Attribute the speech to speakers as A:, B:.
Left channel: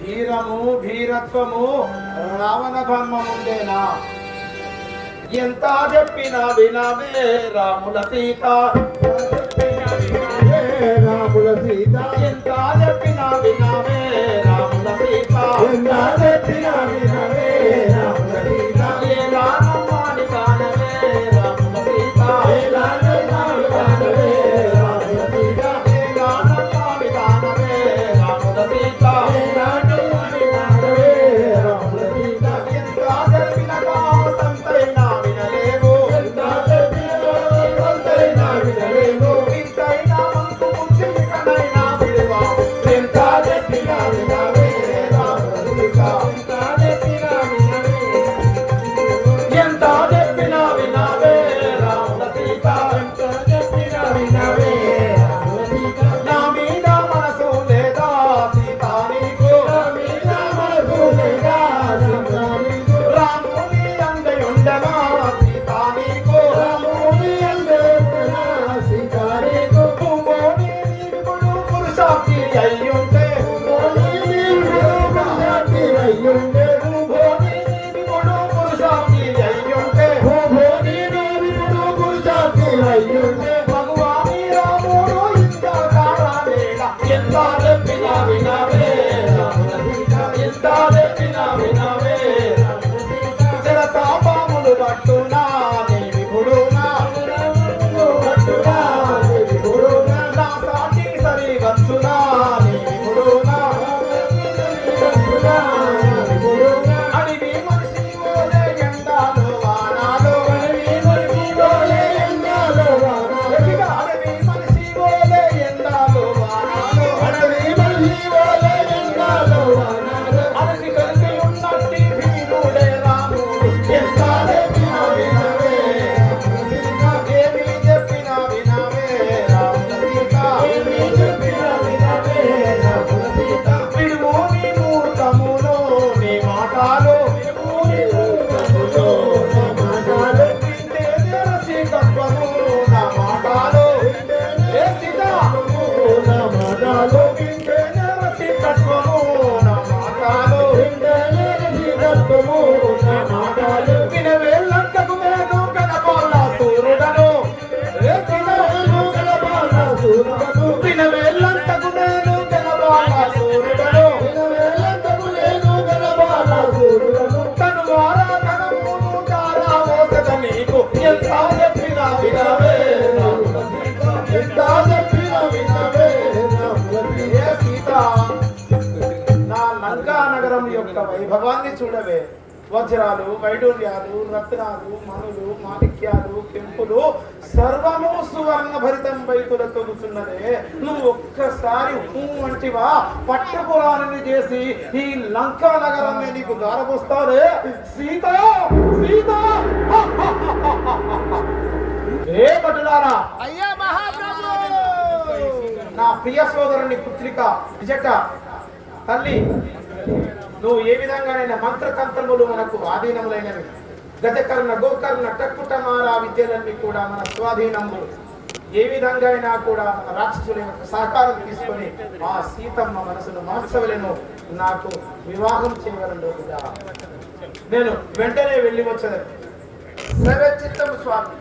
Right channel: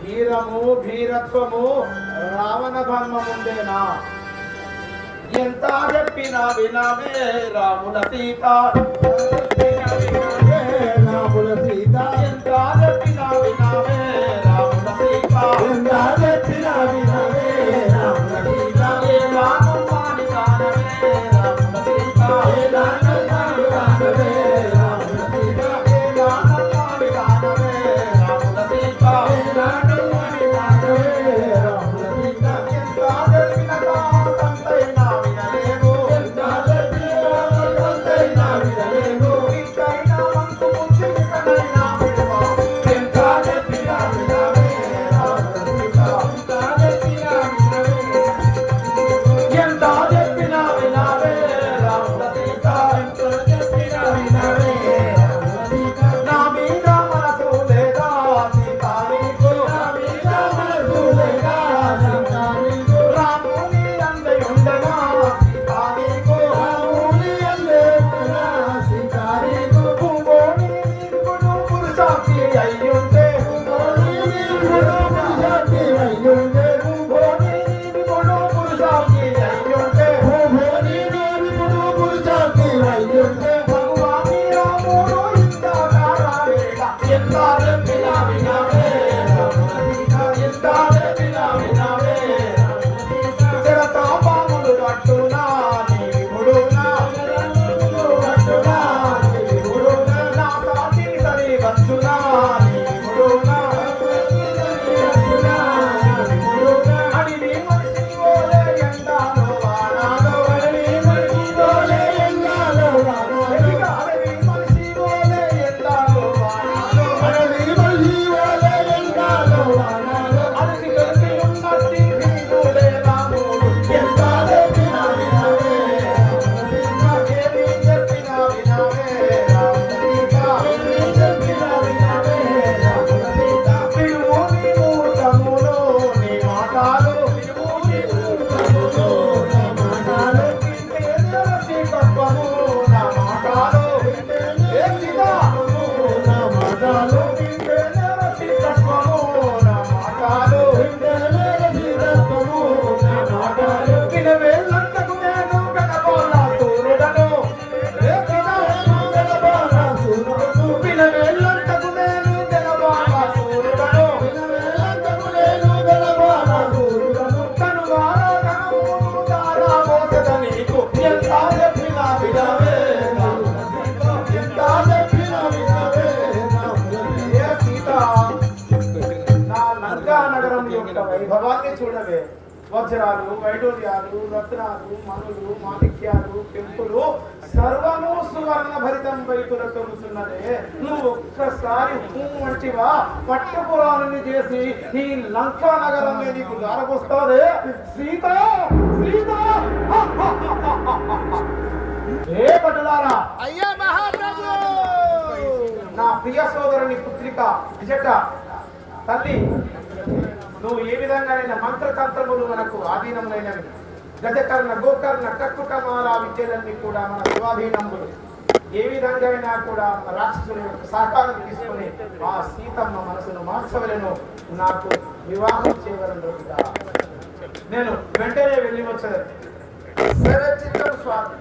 A: భీరము భీరత్వము రావణ జన్మముందేనా ఎంత చెప్పినా వినవే రాముల సీత. ఉంటాయి భగవాన్ని చూడవే వజ్రాలు వైడూర్యాలు రత్నాలు మనులు మాణిక్యాలు పెంపులు సర్వము సువర్ణ భరితం బయకులు తొలుతున్నదే నువ్వు ఒక్కసారి వంటివా మంచివా పట్టుకురాలని చేసి ఈ లంకా నగరాన్ని నీకు దారపోస్తాదే సీత సీత! ఏ పట్టుదారా నా ప్రియ సోదరుని పుత్రిక విజట తల్లి నువ్వు ఏ విధంగానైనా మంత్రతంత్రములు మనకు ఆధీనములైనవి. గజకర్ణ గోకర్ణ కట్టుకమాల విద్యలన్నీ కూడా మన స్వాధీనములు ఏ విధంగా అయినా కూడా రాక్షసుల యొక్క సహకారం తీసుకొని ఆ సీతమ్మ మనసును మార్చవలను నాకు వివాహం చేయవలను నేను వెంటనే వెళ్ళి వచ్చాను చిత్తం స్వామి.